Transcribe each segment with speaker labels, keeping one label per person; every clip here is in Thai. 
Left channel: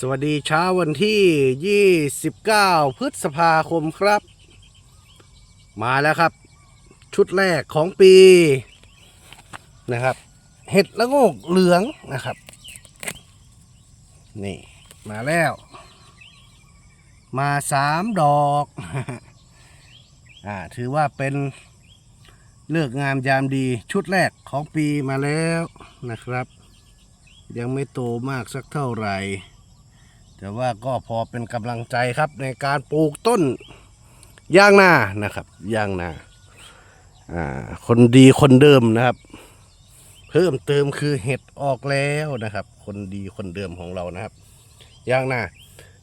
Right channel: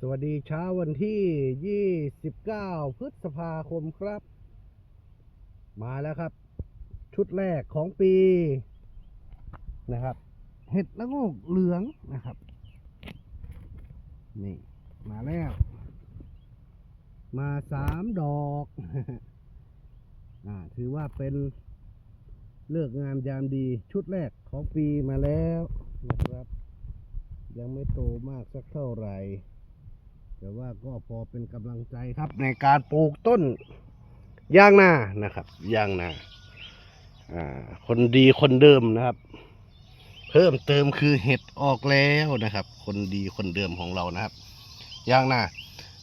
Speaker 1: สวัสดีเช้าวันที่ 29 พฤษภาคมครับ มาแล้วครับ ชุดแรกของปีนะครับ เห็ดละโงกเหลืองนะครับ นี่มาแล้ว มาสามดอกอ่าถือว่าเป็นเลือกงามยามดีชุดแรกของปีมาแล้วนะครับ ยังไม่โตมากสักเท่าไหร่ แต่ว่าก็พอเป็นกำลังใจครับในการปลูกต้นยางนานะครับยางนาอ่าคนดีคนเดิมนะครับ เพิ่มเติมคือเห็ดออกแล้วนะครับ คนดีคนเดิมของเรานะครับยางนา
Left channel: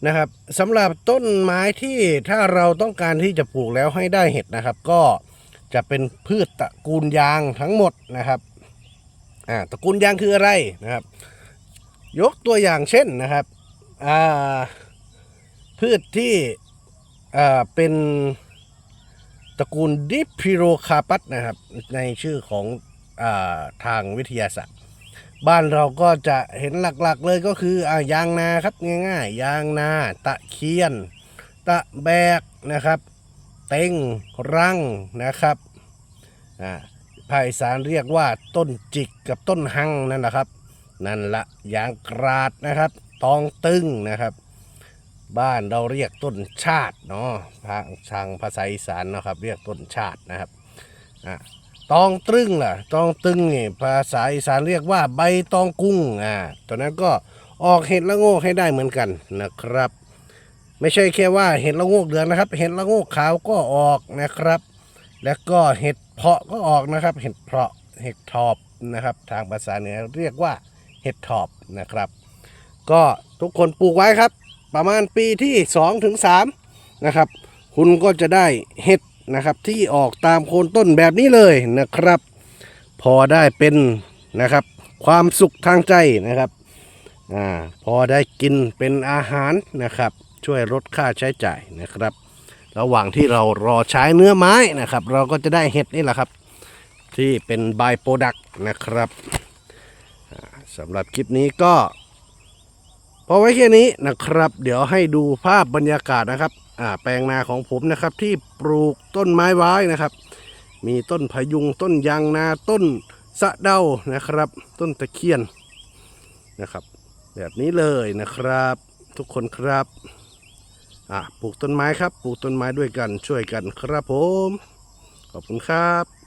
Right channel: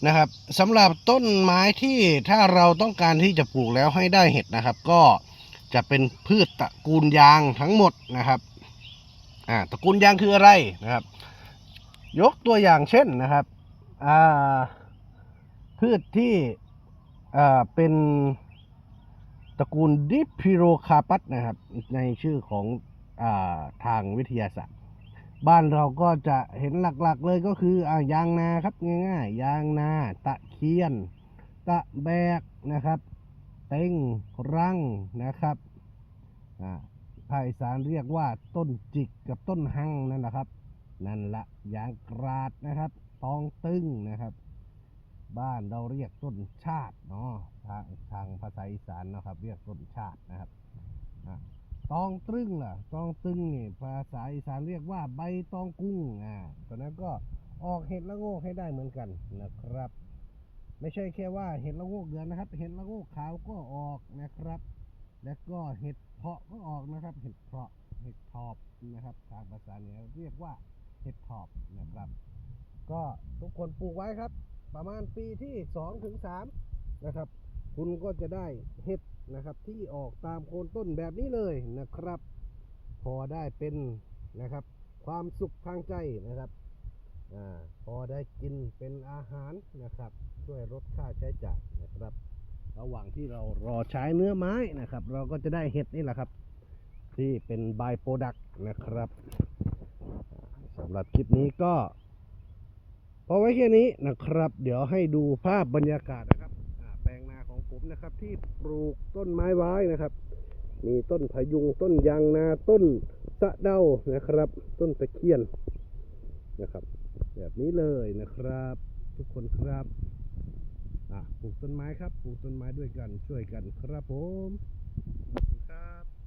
Speaker 1: นะครับสำหรับต้นไม้ที่ถ้าเราต้องการที่จะปลูกแล้วให้ได้เห็ดนะครับ ก็จะเป็นพืชตระกูลยางทั้งหมดนะครับอ่าตระกูลยางคืออะไรนะครับ ยกตัวอย่างเช่นนะครับ พืชที่เป็นตระกูลดิพิโรคาปัสนะครับ ในชื่อของอทางวิทยาศาสตร์ บ้านเราก็จะเห็นหลักๆเลยก็คืออยางนาครับง่ายๆ ยางนา ตะเคียน ตะแบกนะครับ เต็งรังนะครับภาคอีสานเรียกว่าต้นจิกกับต้นหังนั่นแหละครับ นั่นละยางกราดนะครับ ตองตึงนะครับ บ้านเราเรียกต้นชาติเนาะทางทางภาษาอีสานนะครับ เรียกต้นชาตินะครับอะตองตึงล่ะ ตองตึงนี่ภาษาอีสานเรียกว่าใบตองกุ้งอ่าตอนนั้นก็ออกเห็ดละโงกให้ได้เหมือนกันนะครับ ไม่ใช่แค่ว่าเห็ดละโงกเหลืองนะครับ เห็ดละโงกขาวก็ออกนะครับ แล้วก็เห็ดเพาะก็ออกนะครับ เห็ดเพาะเห็ดทอบนะครับ ทางภาษาเหนือเรียกว่าเห็ดทอบนะครับ ก็ทุกคนปลูกไว้ครับ ประมาณปีที่2ถึง3นะครับ คุณก็จะได้เห็ดนะครับ ที่ออกตามโคนต้นแบบนี้เลยนะครับ พอได้เป็นนะครับ ความสุขทางใจนะครับอ่าพอได้กินเป็นอาหารนะครับ ช่วยลดค่าใช้จ่ายนะครับ ระหว่างที่เรารอใช้เนื้อไม้นะครับ เราก็จะได้เห็ดนี่แหละครับ ที่เป็นบายโปรดักต์นะครับสำหรับคลิปนี้ก็ พอไว้แค่นี้นะครับ เดี๋ยวให้ดูภาพบรรยากาศนะครับอ่าแปลงนาของผมนะครับ ที่ปลูกต้นไม้ไว้นะครับ มีต้นพยุงต้นยางนาต้นสะเดานะครับ ต้นตะเคียนนะครับ แบบนี้เลยนะครับ ทุกคนครับอะปลูกต้นไม้ครับ ปลูกต้นไม้ด้วยกันช่วยกันครับผม ขอบคุณครับ